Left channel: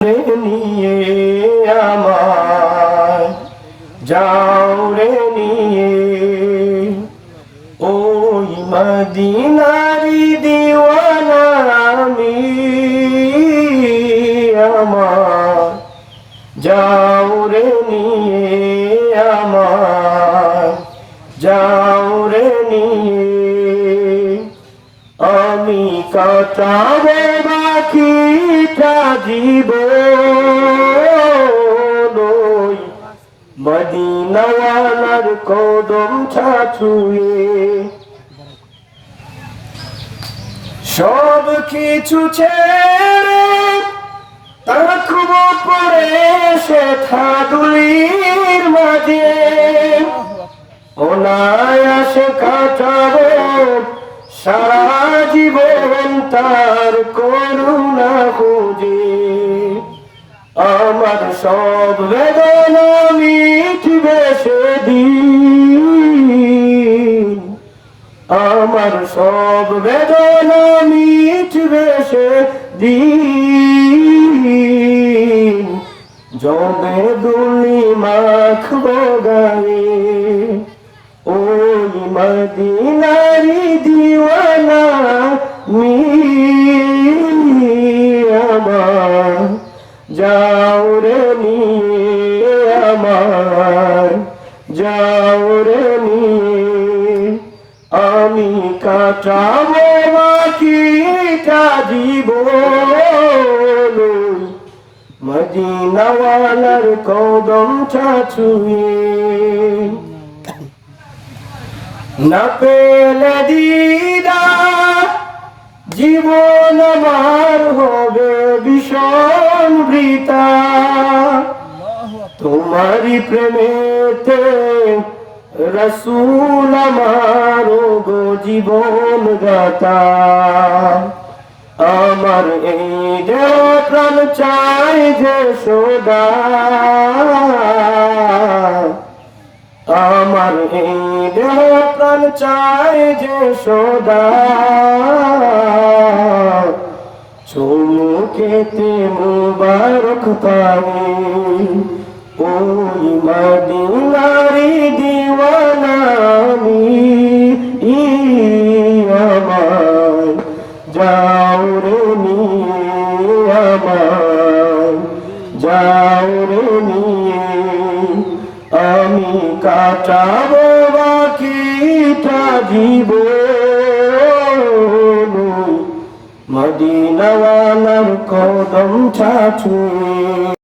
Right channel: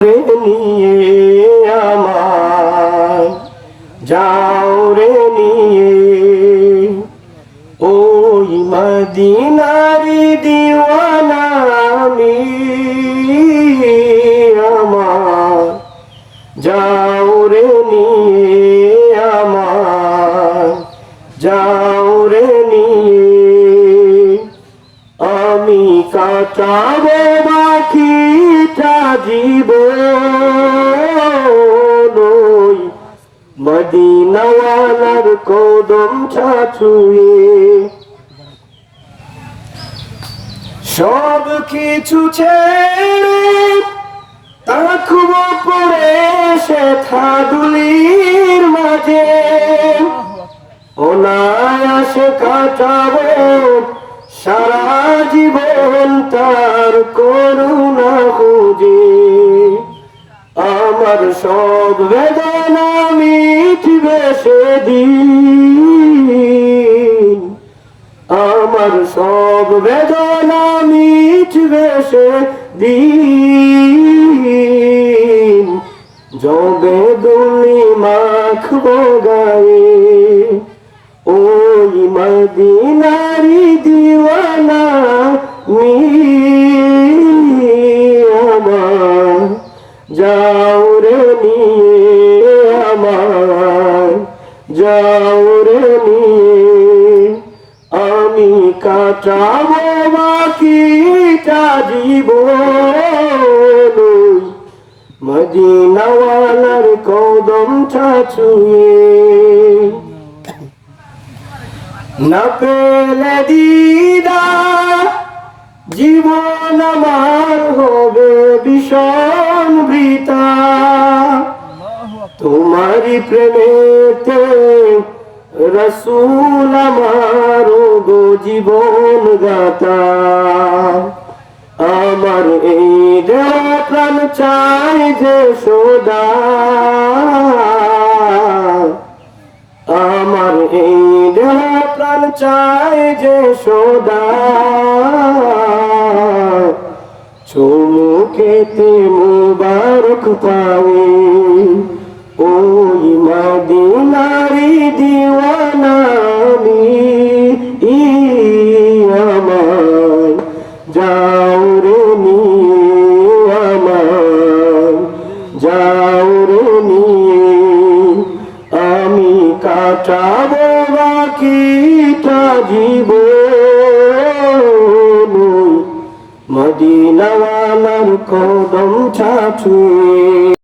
নিয়ে আমায় যাও রে নিয়ে ওই মদিনারি দিওয়ানা আমি আমায় যাও রে নিয়ে আমায় যাও রে নিয়ে আমি কাটাবো বাকিটা জীবন মদিনাওয়ালার কদম ছুঁয়ে সব কিছু ছেড়ে থাকবো পড়ে সে থাদুলির মাঝে অনায়াসে কাটাবো সারা জীবন তার করুণা খুঁজে আমার সব বেদনা মিটবে সেদিন আমার সব বেদনা মিটবে সেদিন যবে দুলি মাখবো গায়ে ওই মদিনারি দিওয়ানা আমার যাও রে নিয়ে আমার যাও রে নিয়ে আমি কাটাবো বাকিটা জীবন মদিনাওয়ালার কদম ছুঁয়ে না পেলে দিদার জীবন আমার হবে ভীষণ বৃথা তোমারি প্রেমেতে রসুল আমার গো জীবন গাথা আমার এই দেহ প্রাণ চাই যে সদা আমার এই দেহ প্রাণ চাই যে সদা চুমুকেতে মুবারক পাই ওই মদিনারি দিওয়ানা আমি আমায় যাও রে নিয়ে আমায় যাও রে নিয়ে আমি কাটাবো বাকিটা জীবন মদিনাওয়ালার কদম ছুঁয়ে